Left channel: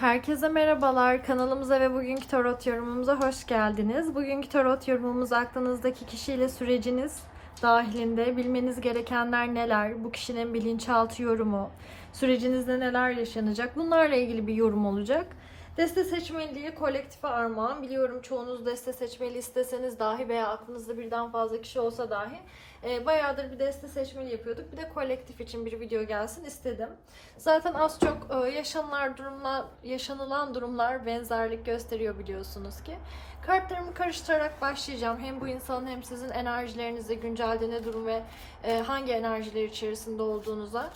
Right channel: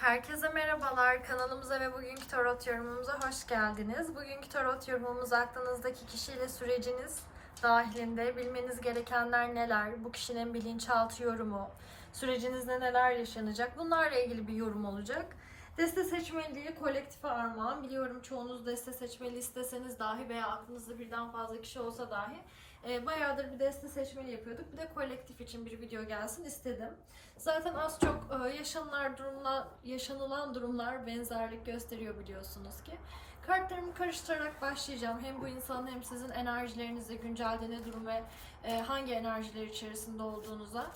Herkese merhabalar. Kanalımıza ve bugünkü tarot yorumumuza hoş geldiniz. Bugünkü tarot yorumumuz aklınızdaki kişiyle süreciniz dahilinde bilmeniz gerekenler neler, bu kişinin bilinçaltı yorumu, sürecinizde neler yaşanacak bunlarla ilgili bir yorum olacak. Deste seçmeliği kolektife armağan. Biliyorum çoğunuz deste seçmeli isteseniz dahi veya aklınızda birden fazla kişi olsa dahi e, bayağıdır bir deste seçmeli yapıyorduk. Bir de kolektif için bir video gelsin istedim. Zaten az çok e, yaşanılan durumlar, yaşanılan durumlar benzerlik gösteriyor biliyorsunuz ki. Kartlarımı karıştırarak başlayacağım. Hem bu insanın hem sizin enerjilerinizde güncelde ne durum ve e, hangi enerjiler içerisinde olduğunuza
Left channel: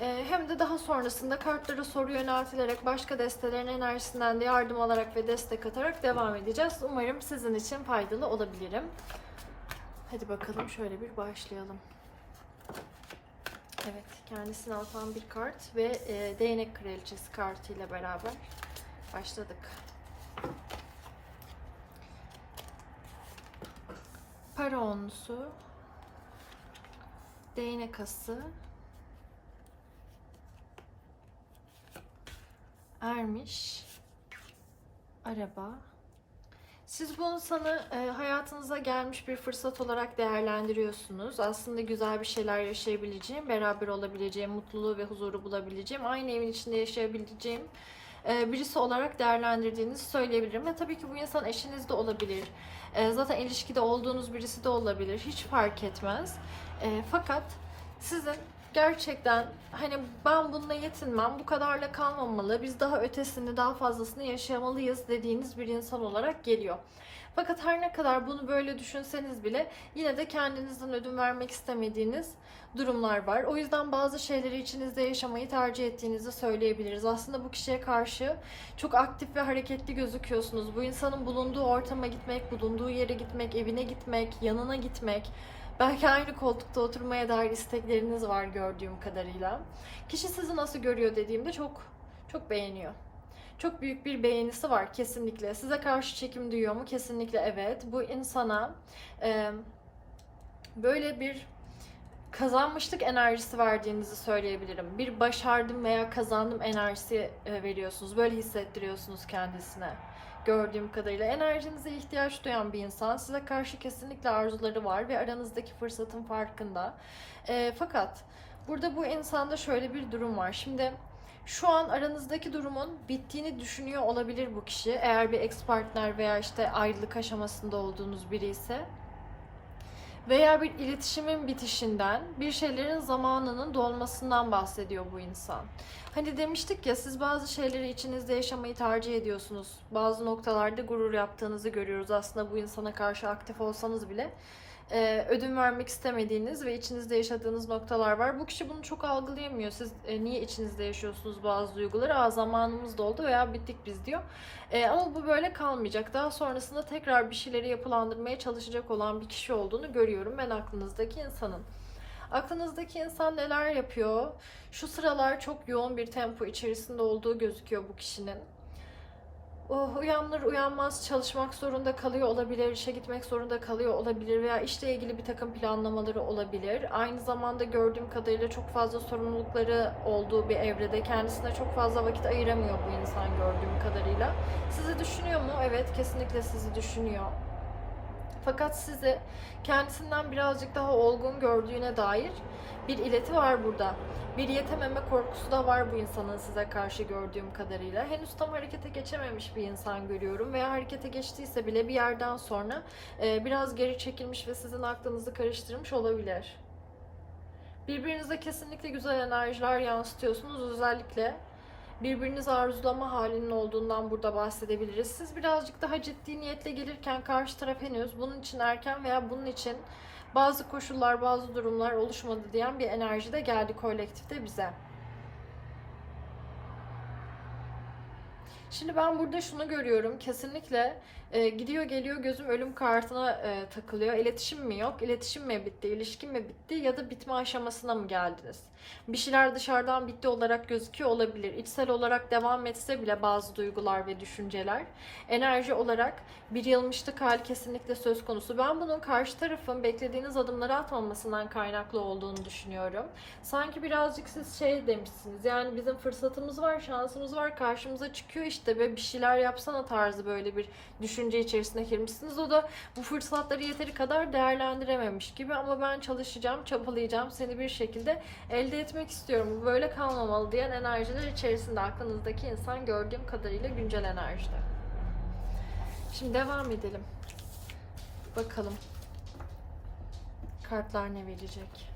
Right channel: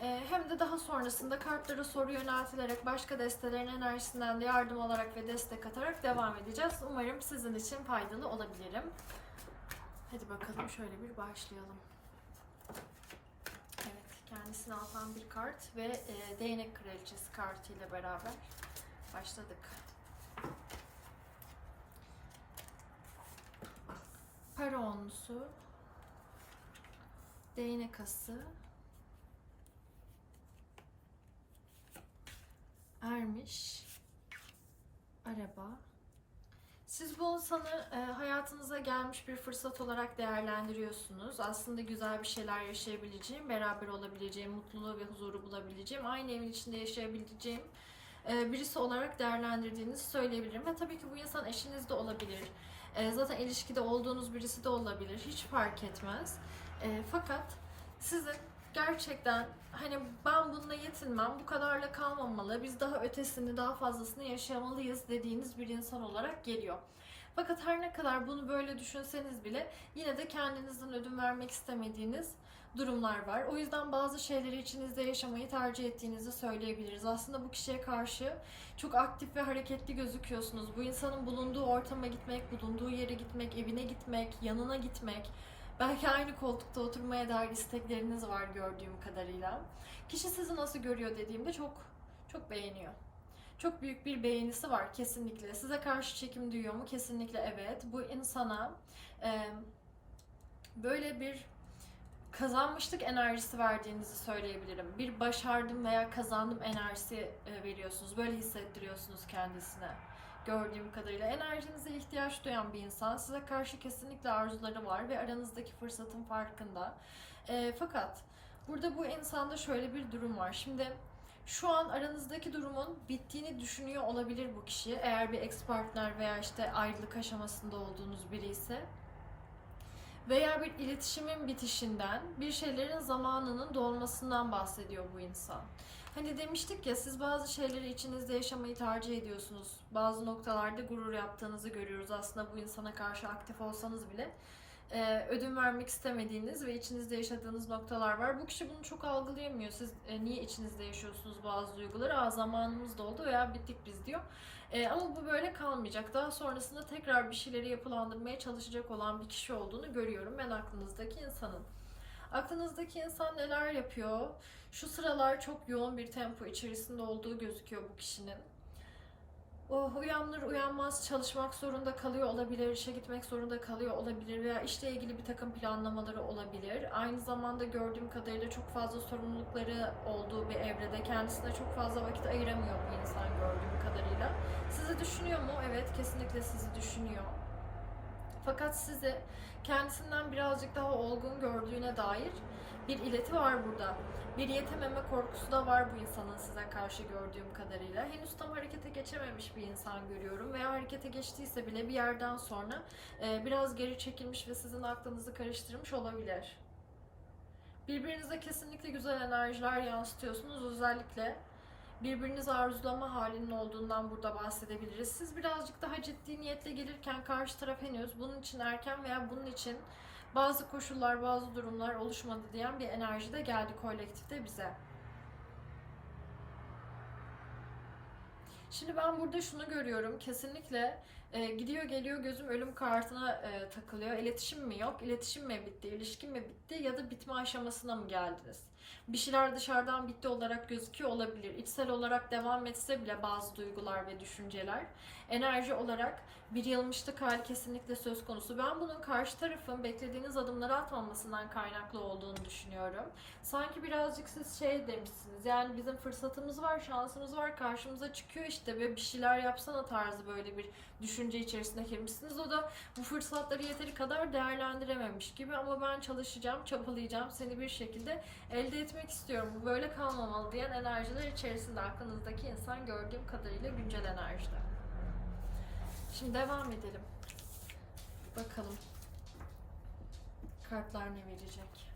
ee, hem de daha sonrasında kartlara soru yöneltilerek başka destelerin enerjisinden de yardım alarak ve destek atarak devam edeceğiz. Umarım sizin için faydalı olabilirim. Hadi bakalım şöyle bir başlayalım. Evet, kendisini atan bir kart ve e, değnek kraliçesi kartı ile beraber başladık. Para onlusu, değnek ası, ermiş, araba. Siz bu insanı e, hayatınıza gelmiş bir fırsat olarak değerlendiriyorsunuz. Aslında güzel bir şeyler yaşayabileceğim, beraber olabileceğim, mutluluğu ve huzuru bulabileceğim, aynı evin içinde yaşayabileceğim e, birisi olarak değerlendirdiğinizi söyleyebilirim. Ve tabii ki bu insan eşiniz de olabilir. E, zaten ilişkide olduğunuz birisi de olabilir. Hiç fark etmez. E, fakat sizin gerçekten hani ben bununla yetinmem, bu kadarla kalmamalı, biz daha ötesini, daha fazlasını yaşamalıyız dediğiniz bir insan olarak geliyor. Fakat her ne kadar bunu böyle düşünseniz bile yine de kendinizden ödün vermek istemediğiniz durumlar var. O yüzden bazı şeyleri içinizde yaşamayı tercih ettiğinizi söyleyebiliriz. Aslında bu kişiye karşı çok aktif ve hareketli gözüküyorsunuz. Bu insanın bulunduğu ortama gitmek, bulunduğu yere gitmek, evine gitmek, yanına gitmek, Belki aynı koltukta oturmaya dair istekleriniz var gördüğüm kadarıyla. Kişi sizi nasıl görüyor dediğimde çok çok beğeniyor. Çok büyük bir beğenisi var kesinlikle. Size karşı çekim duyuyor mu? Kesinlikle evet. Bu insana e, böyle bir kazanmışlık enerjisi verdiğinizi söyleyebilirim. Bir başardım veya kazandım enerjisi e, veriyorsunuz. Böyle hissettiriyorsunuz kendisine gördüğüm kadarıyla enerjinize ihtiyaç duyan bir insan. Size karşı kesinlikle arzuları var ve aranızdaki fırsatın farkında. E, fakat burada bu insanda şöyle bir durum var. Şimdi şu an aranızdaki durumun bittiğini düşünüyor olabilir bu kişi. Eğer bir ex partner veya işte ayrılık aşamasında olduğunuz biri ise veya bir iletişimin bitişinden, bir şeylerin zamanının dolmasından bahsediyor bu insan. Hani demiştik ya siz bazı şeyleri içinizde yaşamayı tercih ediyorsunuz. Bazı noktalarda gurur yaptığınızı görüyoruz. Aslında bu insana karşı aktif olsanız bile e, ödün vermek istemediğiniz ve içinizde yaşadığınız noktalar var. Bu kişi bunu çok algılayamıyor. Siz e, niye içinizde yaşıyorsunuz bazı duyguları? Aa zamanımız doldu veya bittik biz diyor. E, ama bu böyle kalmayacak. Daha sonrasında tekrar bir şeyleri yapılandırmaya çalışacak olan bir kişi olduğunu görüyorum ben aklınızdaki insanın. Aklınızdaki insan neler yapıyor? Şu sıralar çok yoğun bir tempo içerisinde olduğu gözüküyor bu kişinin. Oh, uyanır uyanmaz çalışmak zorunda kalıyor olabilir, işe gitmek zorunda kalıyor olabilir veya işle ilgili bir takım planlamaları olabilir. Aynı zamanda gördüğüm kadarıyla çok fazla sorumlulukları olduğu bir evrede kendisine çok fazla vakit ayıramıyor bu insan gördüğüm kadarıyla. Sizi düşünüyor mu? Evet, kesinlikle sizi düşünüyor. Fakat sizi kendisinden birazcık daha olgun gördüğüne dair bir ileti var burada. Bir yetememe korkusu da var bu insanın size karşı gördüğüm kadarıyla. Henüz tam harekete geçememiş bir insan görüyorum veya harekete geçtiyse bile bir yerden sonra e, biraz geri çekilmiş ve sizin aklınızı karıştırmış olabilir. Birbirinize kesinlikle güzel enerjiler yansıtıyorsunuz. Özellikle birbirinizi arzulama halinin olduğundan burada bahsedebiliriz. Siz birazcık daha ciddi niyetle gelirken karşı taraf henüz bunun için erken veya bunun için bazı koşullar, bazı durumlar oluşmadı diyen bir enerji de geldi kolektifte bize. Şimdi ben burada şunu görüyorum. Kesinlikle e, gidiyor geliyor gözüm ölüm kartına e, takılıyor. İletişim mi yok? İletişim mi bitti? İlişkin mi bitti? Ya da bitme aşamasına mı geldiniz? Bir şeyler dışarıdan bitti olarak gözüküyor olabilir. İçsel olarak devam etse bile bazı duygular ve düşünceler enerji olarak bir yılmışlık hali kesinlikle söz konusu. Ben bunun karşı tarafın beklediğiniz adımları atmamasından kaynaklı olduğunu düşünüyorum. Sanki birazcık siz şey demişsiniz. Yani bizim fırsatımız var, şansımız var, karşımıza çıkıyor işte ve bir şeyler yapsana tarzı böyle bir düşünce içerisine girmişsiniz. O da bu fırsatları yeteri kadar değerlendirememiş gibi ama ben çalışacağım, çabalayacağım, seni bir şekilde elde etmek istiyorum. Böyle kalmamalı diyen enerjiler içerisinde aklınızdaki insan gördüğüm kadarıyla güncel enerjide. Şimdi devam edelim. Bakalım. Kartlar ne verecek?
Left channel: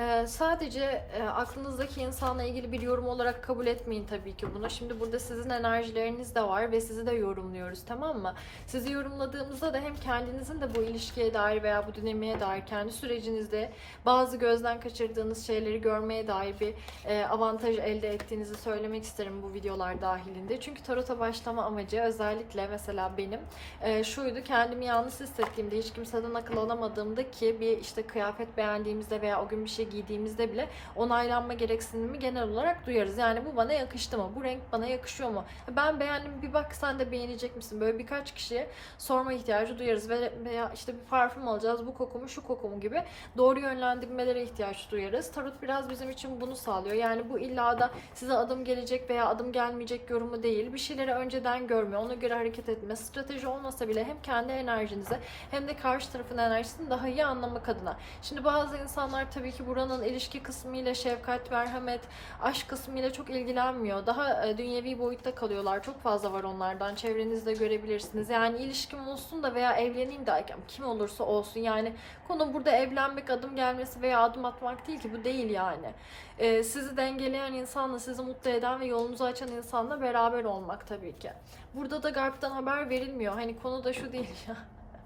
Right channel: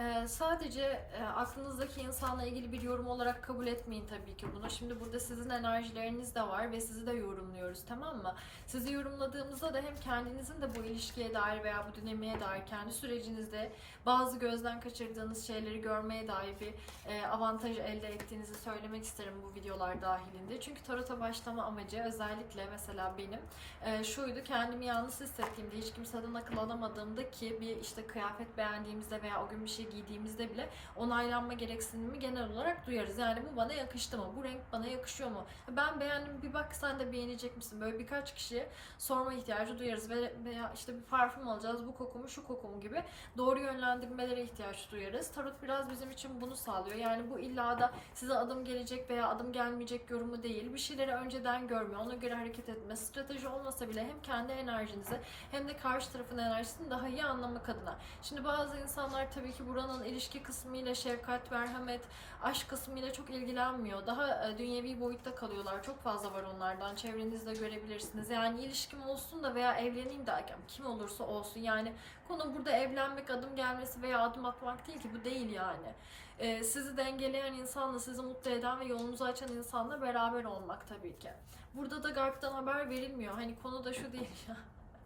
Ee, sadece e, aklınızdaki insanla ilgili bir yorum olarak kabul etmeyin tabii ki bunu. Şimdi burada sizin enerjileriniz de var ve sizi de yorumluyoruz tamam mı? Sizi yorumladığımızda da hem kendinizin de bu ilişkiye dair veya bu dinamiğe dair kendi sürecinizde bazı gözden kaçırdığınız şeyleri görmeye dair bir e, avantaj elde ettiğinizi söylemek isterim bu videolar dahilinde. Çünkü tarota başlama amacı özellikle mesela benim e, şuydu kendimi yalnız hissettiğimde hiç kimseden akıl alamadığımda ki bir işte kıyafet beğendiğimizde veya o gün bir şey giydiğimizde bile onaylanma gereksinimi genel olarak duyarız. Yani bu bana yakıştı mı? Bu renk bana yakışıyor mu? Ben beğendim bir bak sen de beğenecek misin? Böyle birkaç kişiye sorma ihtiyacı duyarız ve veya işte bir parfüm alacağız bu koku mu şu koku mu gibi doğru yönlendirmelere ihtiyaç duyarız. Tarot biraz bizim için bunu sağlıyor. Yani bu illa da size adım gelecek veya adım gelmeyecek yorumu değil. Bir şeyleri önceden görme, ona göre hareket etme, strateji olmasa bile hem kendi enerjinizi hem de karşı tarafın enerjisini daha iyi anlamak adına. Şimdi bazı insanlar tabii ki buranın ilişki kısmıyla şefkat, merhamet, aşk kısmıyla çok ilgilenmiyor. Daha e, dünyevi boyutta kalıyorlar. Çok fazla var onlardan. Çevrenizde görebilirsiniz. Yani ilişkim olsun da veya evleneyim derken kim olursa olsun. Yani konu burada evlenmek, adım gelmesi veya adım atmak değil ki. Bu değil yani. E, sizi dengeleyen insanla, sizi mutlu eden ve yolunuzu açan insanla beraber olmak tabii ki. Burada da Garp'tan haber verilmiyor. Hani konu da şu değil ya.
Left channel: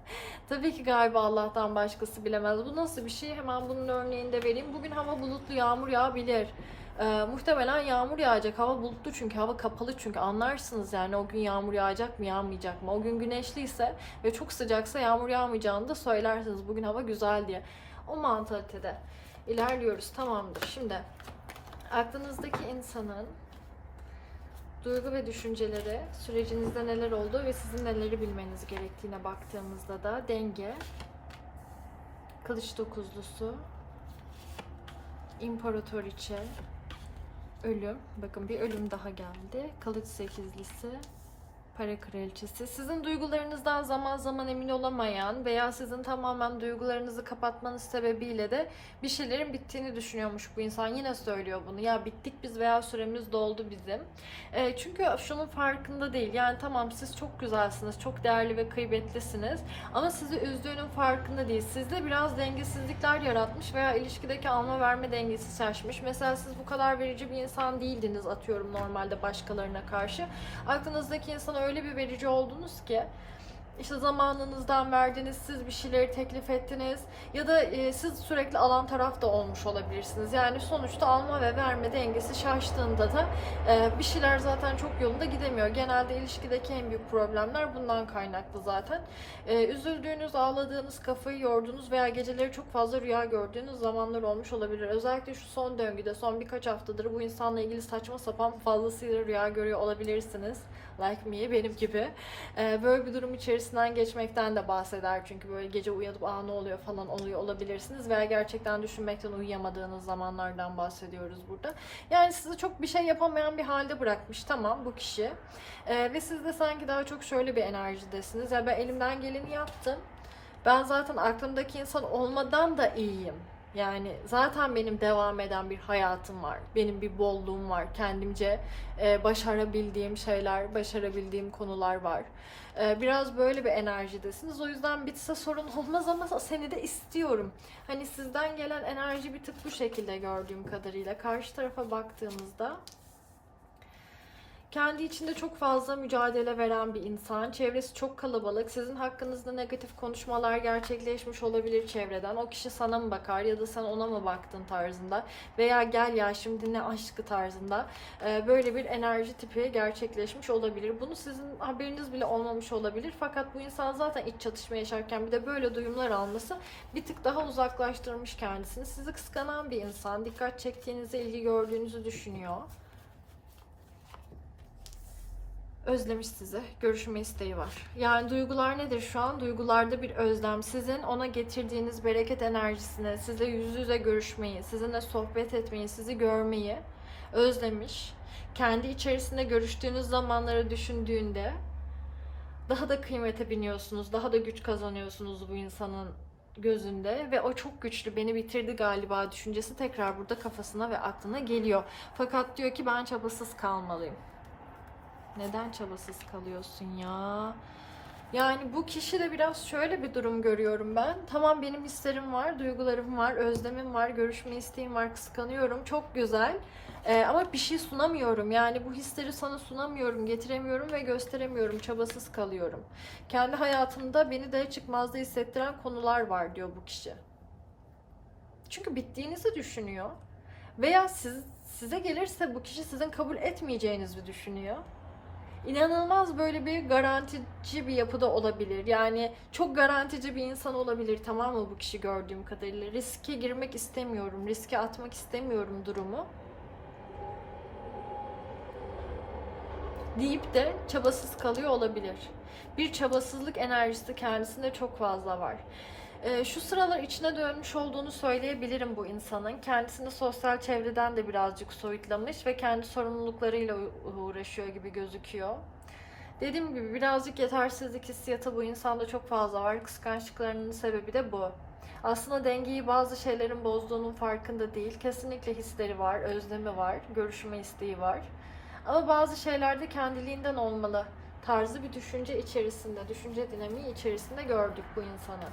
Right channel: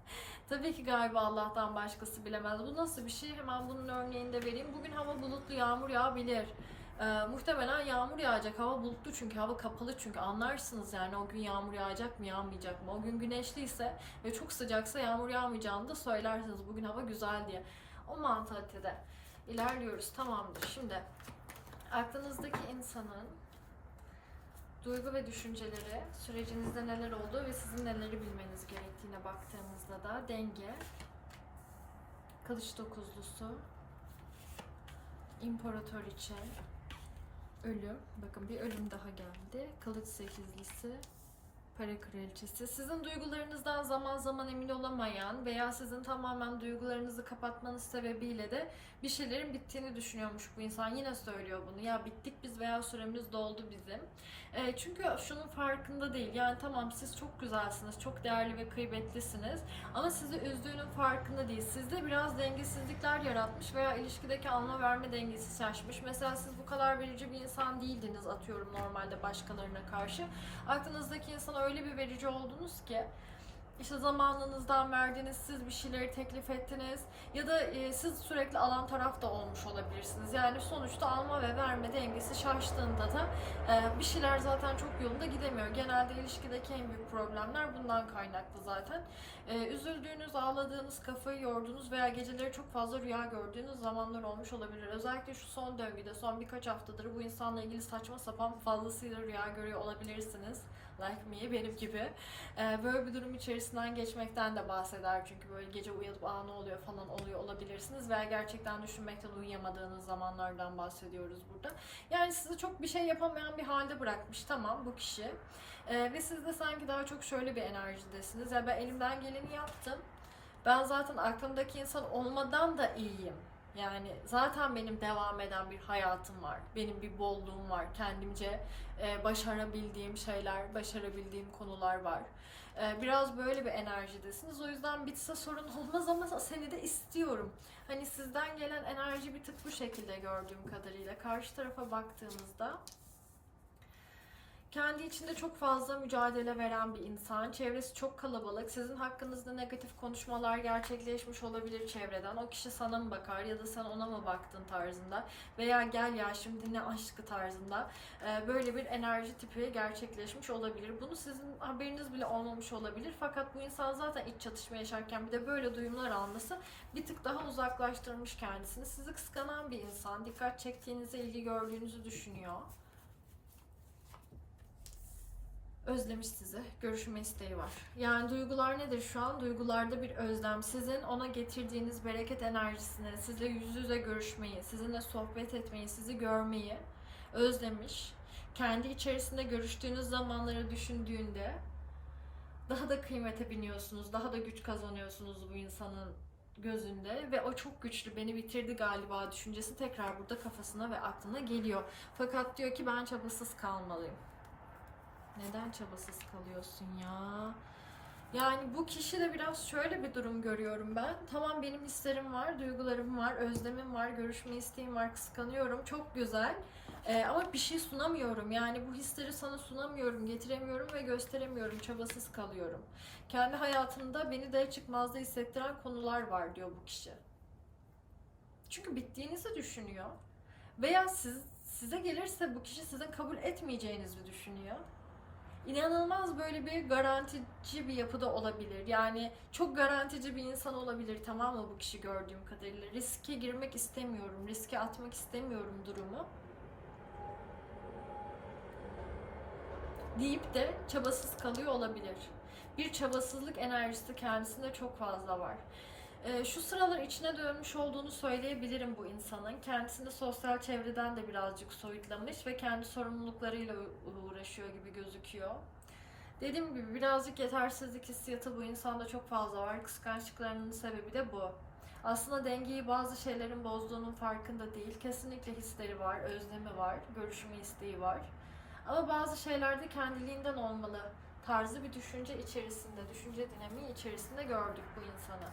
Tabii ki galiba Allah'tan başkası bilemez. Bu nasıl bir şey? Hemen bunun örneğini de vereyim. Bugün hava bulutlu, yağmur yağabilir. Ee, muhtemelen yağmur yağacak. Hava bulutlu çünkü hava kapalı çünkü anlarsınız yani o gün yağmur yağacak mı yağmayacak mı? O gün güneşliyse ve çok sıcaksa yağmur yağmayacağını da söylersiniz. Bugün hava güzel diye. O mantalitede ilerliyoruz. Tamamdır. Şimdi aklınızdaki insanın duygu ve düşünceleri, sürecinizde neler oldu ve sizin neleri bilmeniz gerektiğine baktığımızda da denge, kılıç dokuzlusu, imparatoriçe, ölüm, bakın bir ölüm daha geldi, kılıç sekizlisi, para kraliçesi. Sizin duygularınızdan zaman zaman emin olamayan veya sizin tamamen duygularınızı kapatmanız sebebiyle de bir şeylerin bittiğini düşünüyormuş bu insan. Yine söylüyor bunu. Ya bittik biz veya süremiz doldu bizim. E, çünkü şunun farkında değil. Yani tamam siz çok güzelsiniz, çok değerli ve kıymetlisiniz. Ama sizi üzdüğünün farkında değil. Sizde biraz dengesizlikler yaratmış veya ilişkideki alma verme dengesi şaşmış. Mesela siz bu kadar verici bir insan değildiniz atıyorum normalde başkalarına karşı. Aklınızdaki insana öyle bir verici oldunuz ki işte zamanınızdan verdiniz, siz bir şeyleri teklif ettiniz ya da e, siz sürekli alan taraf da olmuş olabilirsiniz. Yani sonuçta alma ve verme dengesi şaştığında da e, bir şeyler zaten çok yolunda gidemiyor. Genelde ilişkideki en büyük problemler bundan kaynaklı zaten. E, üzüldüğünüz, ağladığınız, kafayı yorduğunuz veya geceleri çok fazla rüya gördüğünüz zamanlar olmuş olabilir. Özellikle şu son döngüde, son birkaç haftadır bu insanla ilgili saçma sapan fazlasıyla rüya görüyor olabilirsiniz like me benim gibi. Ee, böyle bir durum içerisinden geçmekten de bahseder çünkü böyle gece uyanıp aa ne oluyor falan oluyor olabilirsiniz veya gerçekten düşünmekten uyuyamadığınız zamanlardan bahsediyoruz burada. Yani sizi çok bir şey yapamayan bir halde bırakmış tamam bu kişi. Ee, ve siz de sanki daha çok şöyle bir enerjidesiniz. Ya ben elimden geleni yaptım. Ben zaten aklımdaki insan olmadan da iyiyim. Yani zaten benim devam eden bir hayatım var. Benim bir bolluğum var. Kendimce e, başarabildiğim şeyler, başarabildiğim konular var. E, biraz böyle bir enerjidesiniz. O yüzden bitse sorun olmaz ama seni de istiyorum. Hani sizden gelen enerji bir tık bu şekilde gördüğüm kadarıyla. Karşı tarafa baktığımızda Kendi içinde çok fazla mücadele veren bir insan. Çevresi çok kalabalık. Sizin hakkınızda negatif konuşmalar gerçekleşmiş olabilir çevreden. O kişi sana mı bakar ya da sen ona mı baktın tarzında. Veya gel ya şimdi ne aşkı tarzında. Ee, böyle bir enerji tipi gerçekleşmiş olabilir. Bunu sizin haberiniz bile olmamış olabilir. Fakat bu insan zaten iç çatışma yaşarken bir de böyle duyumlar alması bir tık daha uzaklaştırmış kendisini. Sizi kıskanan bir insan. Dikkat çektiğinizi, ilgi gördüğünüzü düşünüyor. Özlemiş sizi. Görüşme isteği var. Yani duygular nedir şu an? Duygularda bir özlem. Sizin ona getirdiğiniz bereket enerjisine, sizle yüz yüze görüşmeyi, sizinle sohbet etmeyi, sizi görmeyi özlemiş. Kendi içerisinde görüştüğünüz zamanları düşündüğünde daha da kıymete biniyorsunuz, daha da güç kazanıyorsunuz bu insanın gözünde ve o çok güçlü beni bitirdi galiba düşüncesi tekrar burada kafasına ve aklına geliyor. Fakat diyor ki ben çabasız kalmalıyım. Neden çabasız kalıyorsun ya? Yani bu kişi de biraz şöyle bir durum görüyorum ben. Tamam benim hislerim var, duygularım var, özlemim var, görüşme isteğim var, kıskanıyorum. Çok güzel. Ee, ama bir şey sunamıyorum. Yani bu hisleri sana sunamıyorum, getiremiyorum ve gösteremiyorum. Çabasız kalıyorum. Kendi hayatımda beni de çıkmazda hissettiren konular var diyor bu kişi. Çünkü bittiğinizi düşünüyor. Veya siz, size gelirse bu kişi sizin kabul etmeyeceğinizi düşünüyor. İnanılmaz böyle bir garantici bir yapıda olabilir. Yani çok garantici bir insan olabilir tamam mı bu kişi gördüğüm kadarıyla. Riske girmek istemiyorum, riske atmak istemiyorum durumu. deyip de çabasız kalıyor olabilir. Bir çabasızlık enerjisi kendisinde çok fazla var. Ee, şu sıralar içine dönmüş olduğunu söyleyebilirim bu insanın. Kendisini sosyal çevreden de birazcık soyutlamış ve kendi sorumluluklarıyla uğraşıyor gibi gözüküyor. Dediğim gibi birazcık yetersizlik hissiyatı bu insanda çok fazla var. Kıskançlıklarının sebebi de bu. Aslında dengeyi bazı şeylerin bozduğunun farkında değil. Kesinlikle hisleri var, özlemi var, görüşme isteği var. Ama bazı şeylerde kendiliğinden olmalı tarzı bir düşünce içerisinde, düşünce dinamiği içerisinde gördük bu insanı.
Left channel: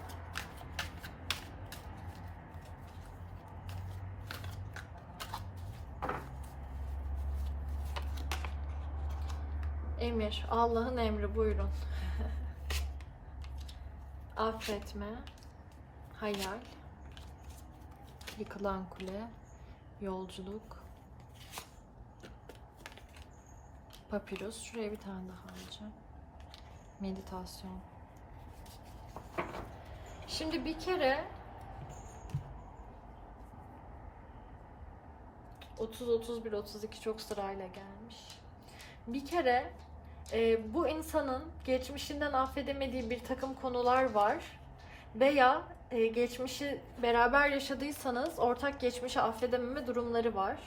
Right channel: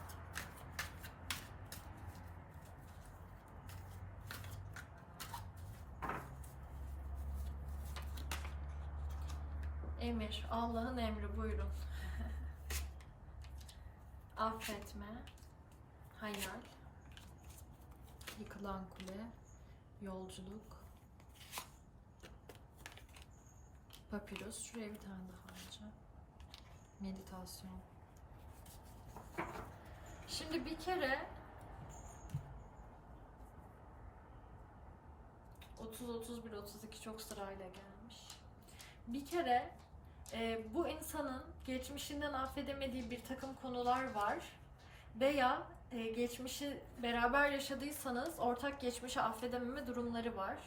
Emir, Allah'ın emri buyurun. Affetme, hayal, yıkılan kule, yolculuk, Papyrus. Şuraya bir tane daha alacağım. Meditasyon. Şimdi bir kere 30, 31, 32 çok sırayla gelmiş. Bir kere e, bu insanın geçmişinden affedemediği bir takım konular var veya e, geçmişi beraber yaşadıysanız ortak geçmişi affedememe durumları var.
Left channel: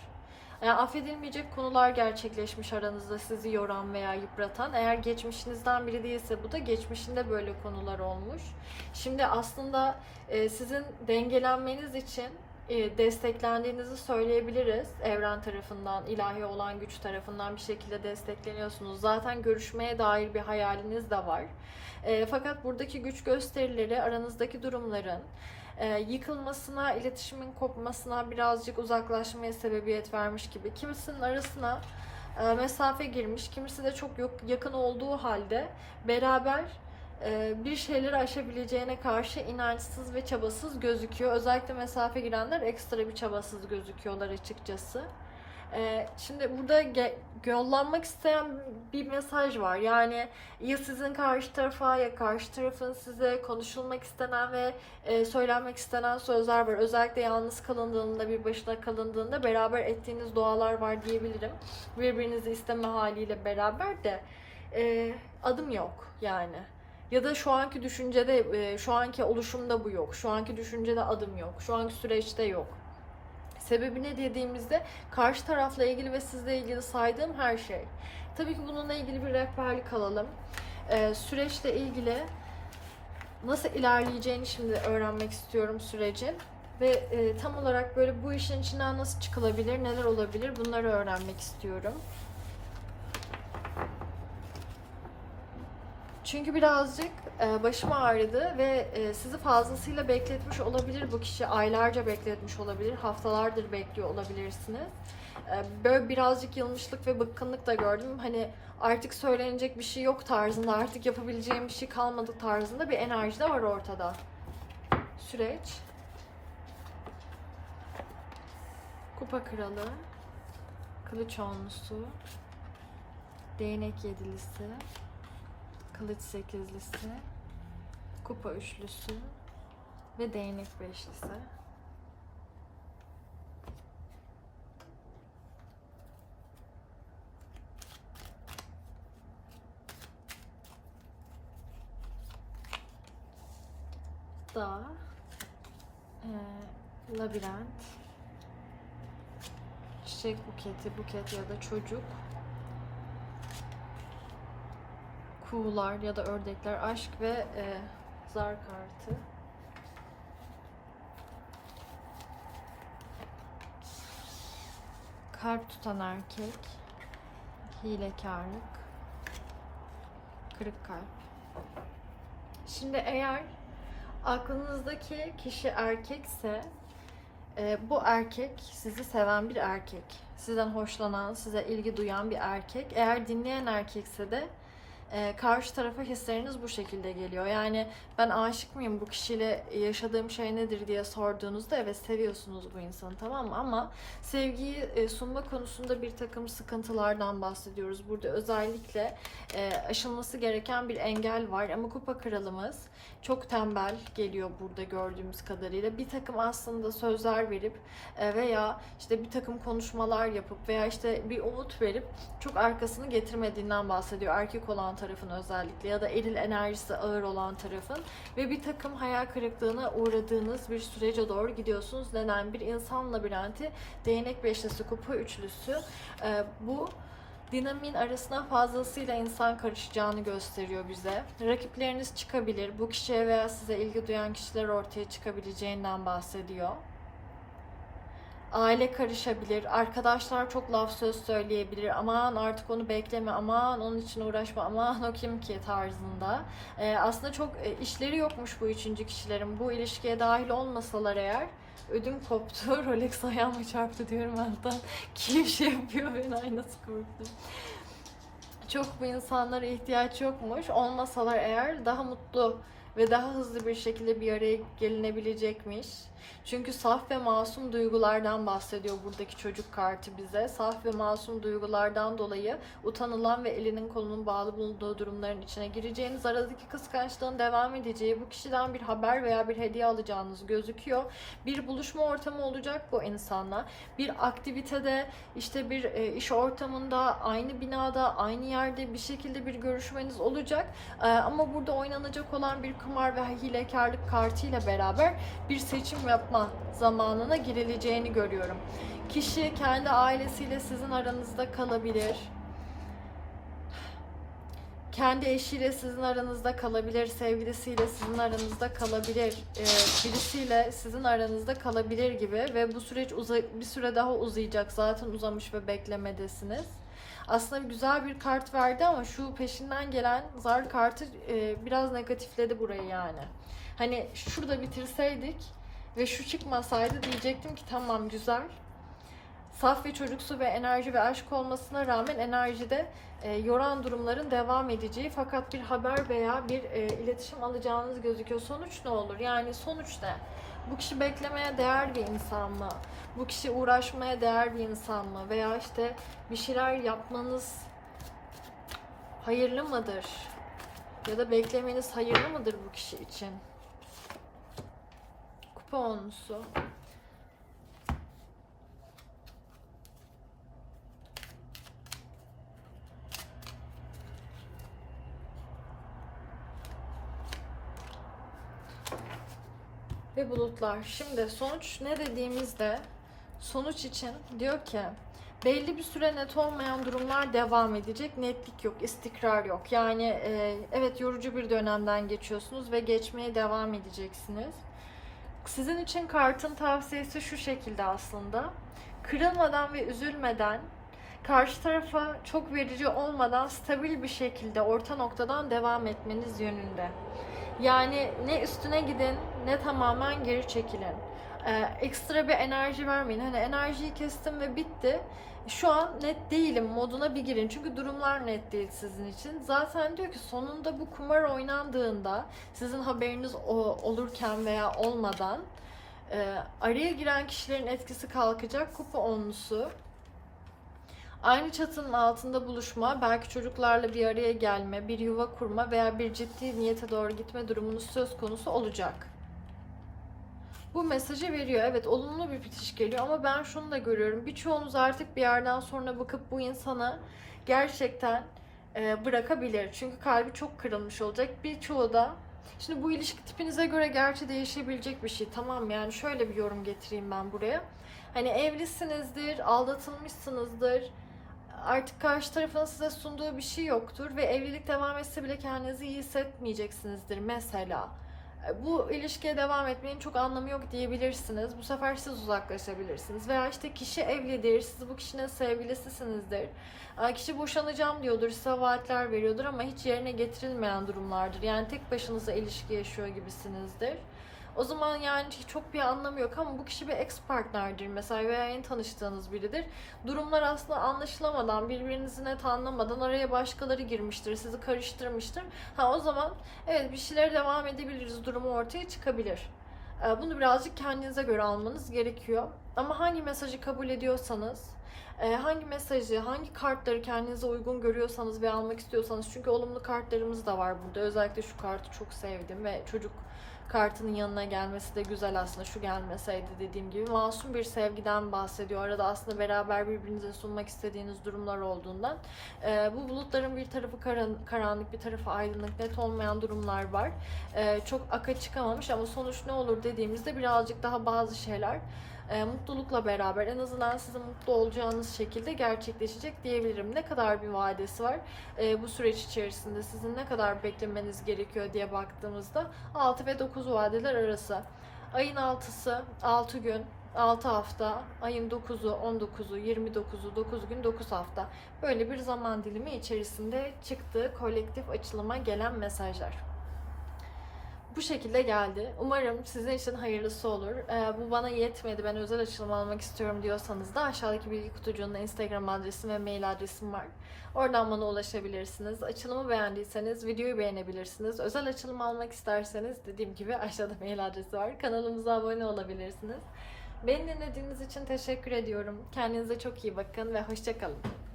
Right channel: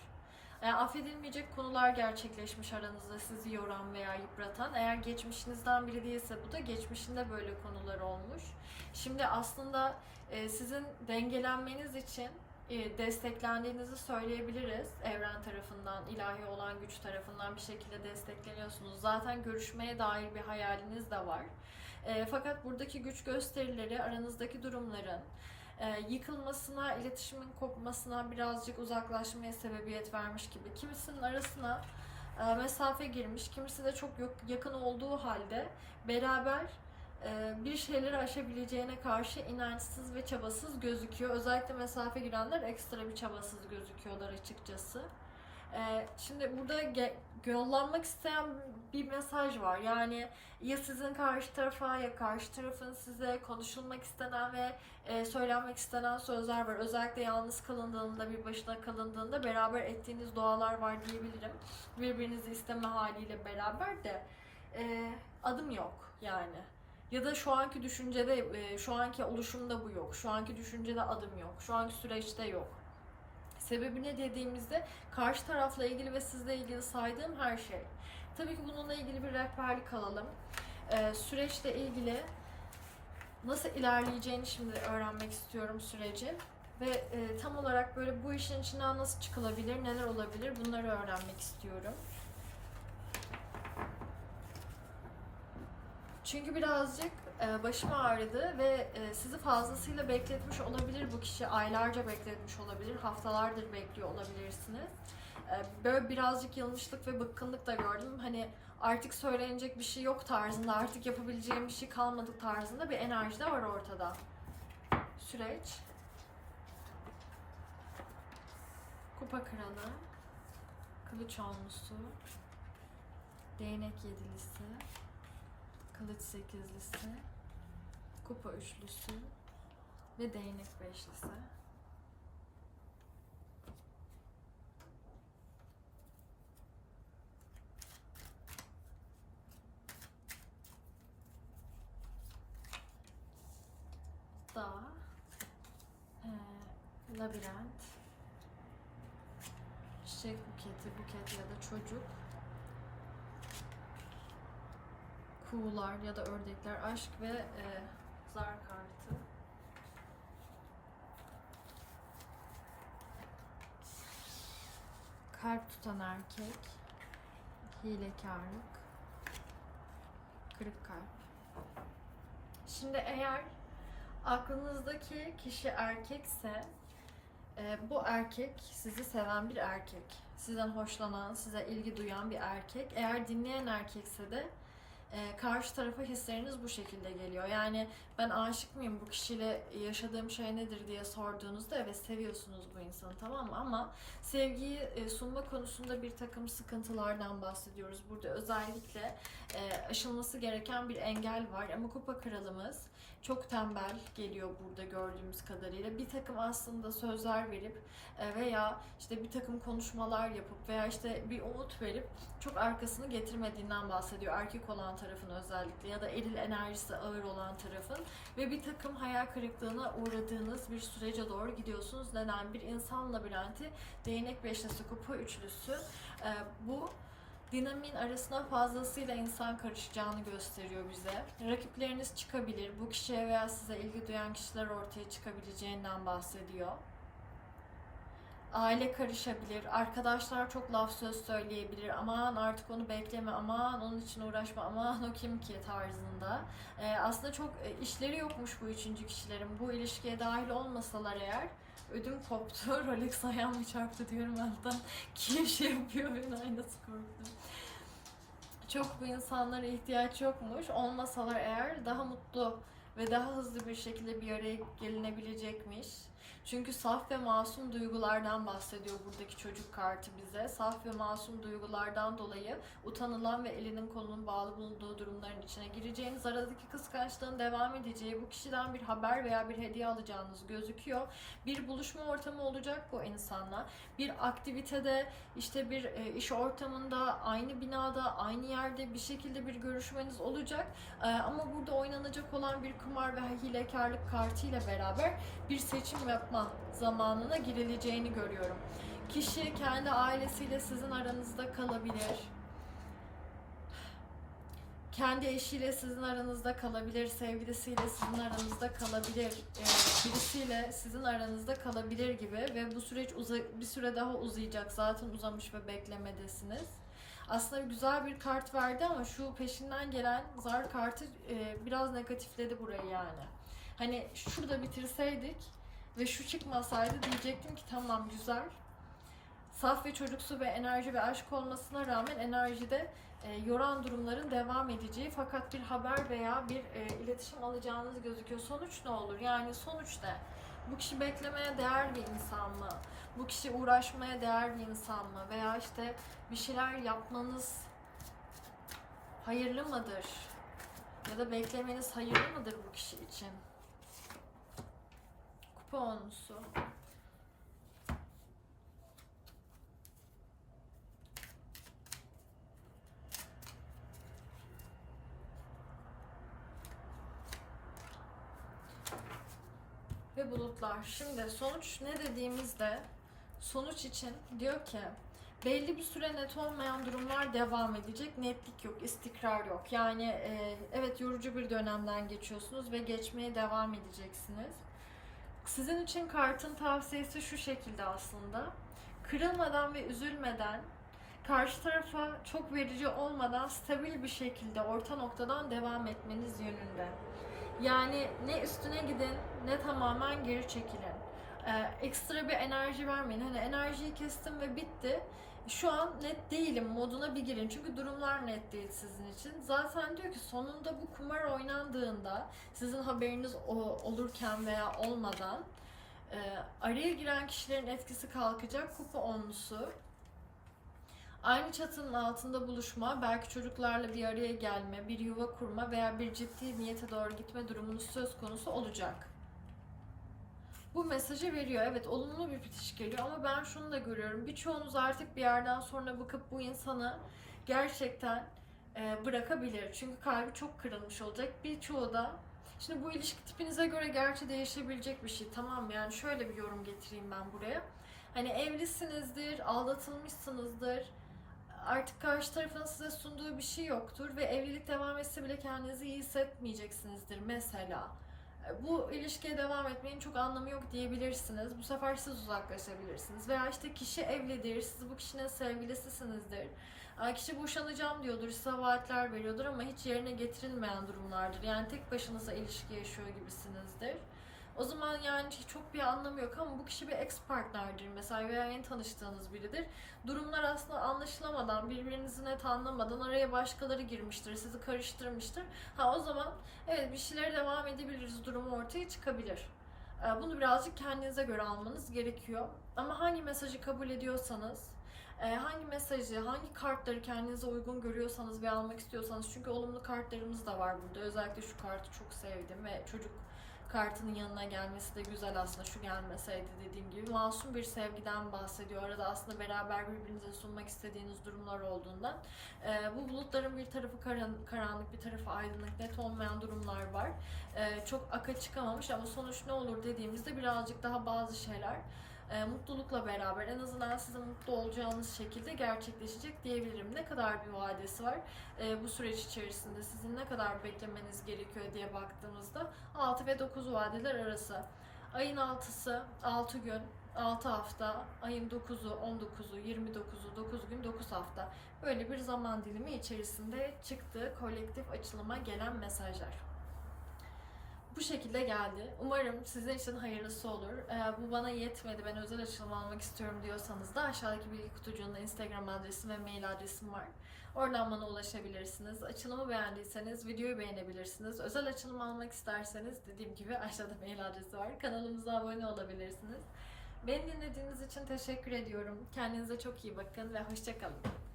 Yani affedilmeyecek konular gerçekleşmiş aranızda sizi yoran veya yıpratan. Eğer geçmişinizden biri değilse bu da geçmişinde böyle konular olmuş. Şimdi aslında e, sizin dengelenmeniz için desteklendiğinizi söyleyebiliriz. Evren tarafından, ilahi olan güç tarafından bir şekilde destekleniyorsunuz. Zaten görüşmeye dair bir hayaliniz de var. E, fakat buradaki güç gösterileri aranızdaki durumların e, yıkılmasına, iletişimin kopmasına birazcık uzaklaşmaya sebebiyet vermiş gibi. Kimisinin arasına e, mesafe girmiş, kimisi de çok yakın olduğu halde beraber bir şeyleri aşabileceğine karşı inançsız ve çabasız gözüküyor. Özellikle mesafe girenler ekstra bir çabasız gözüküyorlar açıkçası. E, şimdi burada yollanmak isteyen bir mesaj var. Yani ya sizin karşı tarafa ya karşı tarafın size konuşulmak istenen ve e, söylenmek istenen sözler var. Özellikle yalnız kalındığında, bir başına kalındığında beraber ettiğiniz dualar var diyebilirim. Birbirinizi isteme haliyle beraber de e, adım yok yani. Ya da şu anki düşüncede, e, şu anki oluşumda bu yok. Şu anki düşüncede adım yok. Şu anki süreçte yok. Sebebi ne dediğimizde karşı tarafla ilgili ve sizle ilgili saydığım her şey. Tabii ki bununla ilgili bir rehberlik alalım. Ee, süreçle ilgili nasıl ilerleyeceğini şimdi öğrenmek istiyorum sürecin. Ve e, tam olarak böyle bu işin içinden nasıl çıkılabilir, neler olabilir bunları öğrenmek istiyorum. Çünkü birazcık e, başım ağrıdı ve e, sizi fazlasıyla bekletmiş olabilir bu kişi. Aylarca bekletmiş olabilir, haftalardır bekliyor olabilirsiniz. e, böyle birazcık yılmışlık ve bıkkınlık da gördüm. Hani artık söylenecek bir şey yok tarzında, artık yapabileceğim bir şey kalmadı tarzında bir enerji de var ortada. Süreç. Kupa kralı. Kılıç onlusu. Değnek yedilisi. Kılıç sekizlisi. Kupa üçlüsü. Ve değnek beşlisi. Dağ. Ee, labirent. Çiçek buketi, buket ya da çocuk. Kuğular ya da ördekler, aşk ve e, zar kartı. Kalp tutan erkek, hilekarlık, kırık kalp. Şimdi eğer aklınızdaki kişi erkekse e, bu erkek sizi seven bir erkek. Sizden hoşlanan, size ilgi duyan bir erkek. Eğer dinleyen erkekse de e, karşı tarafa hisleriniz bu şekilde geliyor. Yani ben aşık mıyım bu kişiyle yaşadığım şey nedir diye sorduğunuzda evet seviyorsunuz bu insanı tamam mı? Ama sevgiyi e, sunma konusunda bir takım sıkıntılardan bahsediyoruz. Burada özellikle e, aşılması gereken bir engel var ama kupa kralımız çok tembel geliyor burada gördüğümüz kadarıyla. Bir takım aslında sözler verip e, veya işte bir takım konuşmalar yapıp veya işte bir umut verip çok arkasını getirmediğinden bahsediyor. Erkek olan tarafın özellikle ya da eril enerjisi ağır olan tarafın ve bir takım hayal kırıklığına uğradığınız bir sürece doğru gidiyorsunuz. Neden? Bir insan labirenti, değnek beşlisi, kupa üçlüsü e, bu dinamin arasına fazlasıyla insan karışacağını gösteriyor bize. Rakipleriniz çıkabilir. Bu kişiye veya size ilgi duyan kişiler ortaya çıkabileceğinden bahsediyor. Aile karışabilir. Arkadaşlar çok laf söz söyleyebilir. Aman artık onu bekleme. Aman onun için uğraşma. Aman o kim ki tarzında. Ee, aslında çok e, işleri yokmuş bu üçüncü kişilerin. Bu ilişkiye dahil olmasalar eğer ödüm koptu. Rolex ayağıma çarptı diyorum alttan. Kim şey yapıyor ben ay nasıl korktum. Çok bu insanlara ihtiyaç yokmuş. Olmasalar eğer daha mutlu ve daha hızlı bir şekilde bir araya gelinebilecekmiş. Çünkü saf ve masum duygulardan bahsediyor buradaki çocuk kartı bize. Saf ve masum duygulardan dolayı utanılan ve elinin kolunun bağlı bulunduğu durumların içine gireceğiniz, aradaki kıskançlığın devam edeceği, bu kişiden bir haber veya bir hediye alacağınız gözüküyor. Bir buluşma ortamı olacak bu insanla. Bir aktivitede, işte bir e, iş ortamında, aynı binada, aynı yerde bir şekilde bir görüşmeniz olacak. E, ama burada oynanacak olan bir kumar ve hilekarlık kartıyla beraber bir seçim yapma zamanına girileceğini görüyorum. Kişi kendi ailesiyle sizin aranızda kalabilir. Kendi eşiyle sizin aranızda kalabilir, sevgilisiyle sizin aranızda kalabilir, e, birisiyle sizin aranızda kalabilir gibi ve bu süreç bir süre daha uzayacak. Zaten uzamış ve beklemedesiniz. Aslında güzel bir kart verdi ama şu peşinden gelen zar kartı e, biraz negatifledi burayı yani. Hani şurada bitirseydik ve şu çıkmasaydı diyecektim ki tamam güzel. Saf ve çocuksu ve enerji ve aşk olmasına rağmen enerjide e, yoran durumların devam edeceği fakat bir haber veya bir e, iletişim alacağınız gözüküyor. Sonuç ne olur? Yani sonuç ne? Bu kişi beklemeye değer bir insan mı? Bu kişi uğraşmaya değer bir insan mı? Veya işte bir şeyler yapmanız hayırlı mıdır? Ya da beklemeniz hayırlı mıdır bu kişi için? Kupa onlusu. Ve bulutlar. Şimdi sonuç ne dediğimizde sonuç için diyor ki belli bir süre net olmayan durumlar devam edecek. Netlik yok, istikrar yok. Yani e, evet yorucu bir dönemden geçiyorsunuz ve geçmeye devam edeceksiniz. Sizin için kartın tavsiyesi şu şekilde aslında. Kırılmadan ve üzülmeden karşı tarafa çok verici olmadan stabil bir şekilde orta noktadan devam etmeniz yönünde. Yani ne üstüne gidin ne tamamen geri çekilin. Ee, ekstra bir enerji vermeyin. Hani enerjiyi kestim ve bitti. Şu an net değilim moduna bir girin. Çünkü durumlar net değil sizin için. Zaten diyor ki sonunda bu kumar oynandığında sizin haberiniz olurken veya olmadan e, araya giren kişilerin etkisi kalkacak. Kupa onlusu. Aynı çatının altında buluşma, belki çocuklarla bir araya gelme, bir yuva kurma veya bir ciddi niyete doğru gitme durumunuz söz konusu olacak. Bu mesajı veriyor. Evet olumlu bir bitiş geliyor ama ben şunu da görüyorum. Birçoğunuz artık bir yerden sonra bakıp bu insanı gerçekten e, bırakabilir. Çünkü kalbi çok kırılmış olacak. Birçoğu da Şimdi bu ilişki tipinize göre gerçi değişebilecek bir şey. Tamam yani şöyle bir yorum getireyim ben buraya. Hani evlisinizdir, aldatılmışsınızdır. Artık karşı tarafın size sunduğu bir şey yoktur ve evlilik devam etse bile kendinizi iyi hissetmeyeceksinizdir mesela. Bu ilişkiye devam etmenin çok anlamı yok diyebilirsiniz. Bu sefer siz uzaklaşabilirsiniz. Veya işte kişi evlidir, siz bu kişinin sevgilisisinizdir. Kişi boşanacağım diyordur, size vaatler veriyordur ama hiç yerine getirilmeyen durumlardır. Yani tek başınıza ilişki yaşıyor gibisinizdir. O zaman yani çok bir anlamı yok ama bu kişi bir ex partnerdir mesela veya yeni tanıştığınız biridir. Durumlar aslında anlaşılamadan, birbirinizi net anlamadan araya başkaları girmiştir, sizi karıştırmıştır. Ha o zaman evet bir şeylere devam edebiliriz durumu ortaya çıkabilir. Ee, Bunu birazcık kendinize göre almanız gerekiyor. Ama hangi mesajı kabul ediyorsanız, e, hangi mesajı, hangi kartları kendinize uygun görüyorsanız ve almak istiyorsanız çünkü olumlu kartlarımız da var burada. Özellikle şu kartı çok sevdim ve çocuk kartının yanına gelmesi de güzel aslında şu gelmeseydi dediğim gibi masum bir sevgiden bahsediyor. Arada aslında beraber birbirinize sunmak istediğiniz durumlar olduğundan. Ee, bu bulutların bir tarafı karan, karanlık bir tarafı aydınlık net olmayan durumlar var. Ee, çok aka çıkamamış ama sonuç ne olur dediğimizde birazcık daha bazı şeyler e, mutlulukla beraber en azından sizin mutlu olacağınız şekilde gerçekleşecek diyebilirim. Ne kadar bir vadesi var e, bu süreç içerisinde sizin ne kadar beklemeniz gerekiyor diye baktığımızda 6 ve 9 vadeler arası. Ayın 6'sı 6 gün, 6 hafta, ayın 9'u, 19'u, 29'u, 9 gün, 9 hafta. Böyle bir zaman dilimi içerisinde çıktığı kolektif açılıma gelen mesajlar bu şekilde geldi. Umarım sizin için hayırlısı olur. Ee, bu bana yetmedi. Ben özel açılım almak istiyorum diyorsanız da aşağıdaki bilgi kutucuğunda Instagram adresim ve mail adresim var. Oradan bana ulaşabilirsiniz. Açılımı beğendiyseniz videoyu beğenebilirsiniz. Özel açılım almak isterseniz dediğim gibi aşağıda mail adresi var. Kanalımıza abone olabilirsiniz. Beni dinlediğiniz için teşekkür ediyorum. Kendinize çok iyi bakın ve hoşçakalın.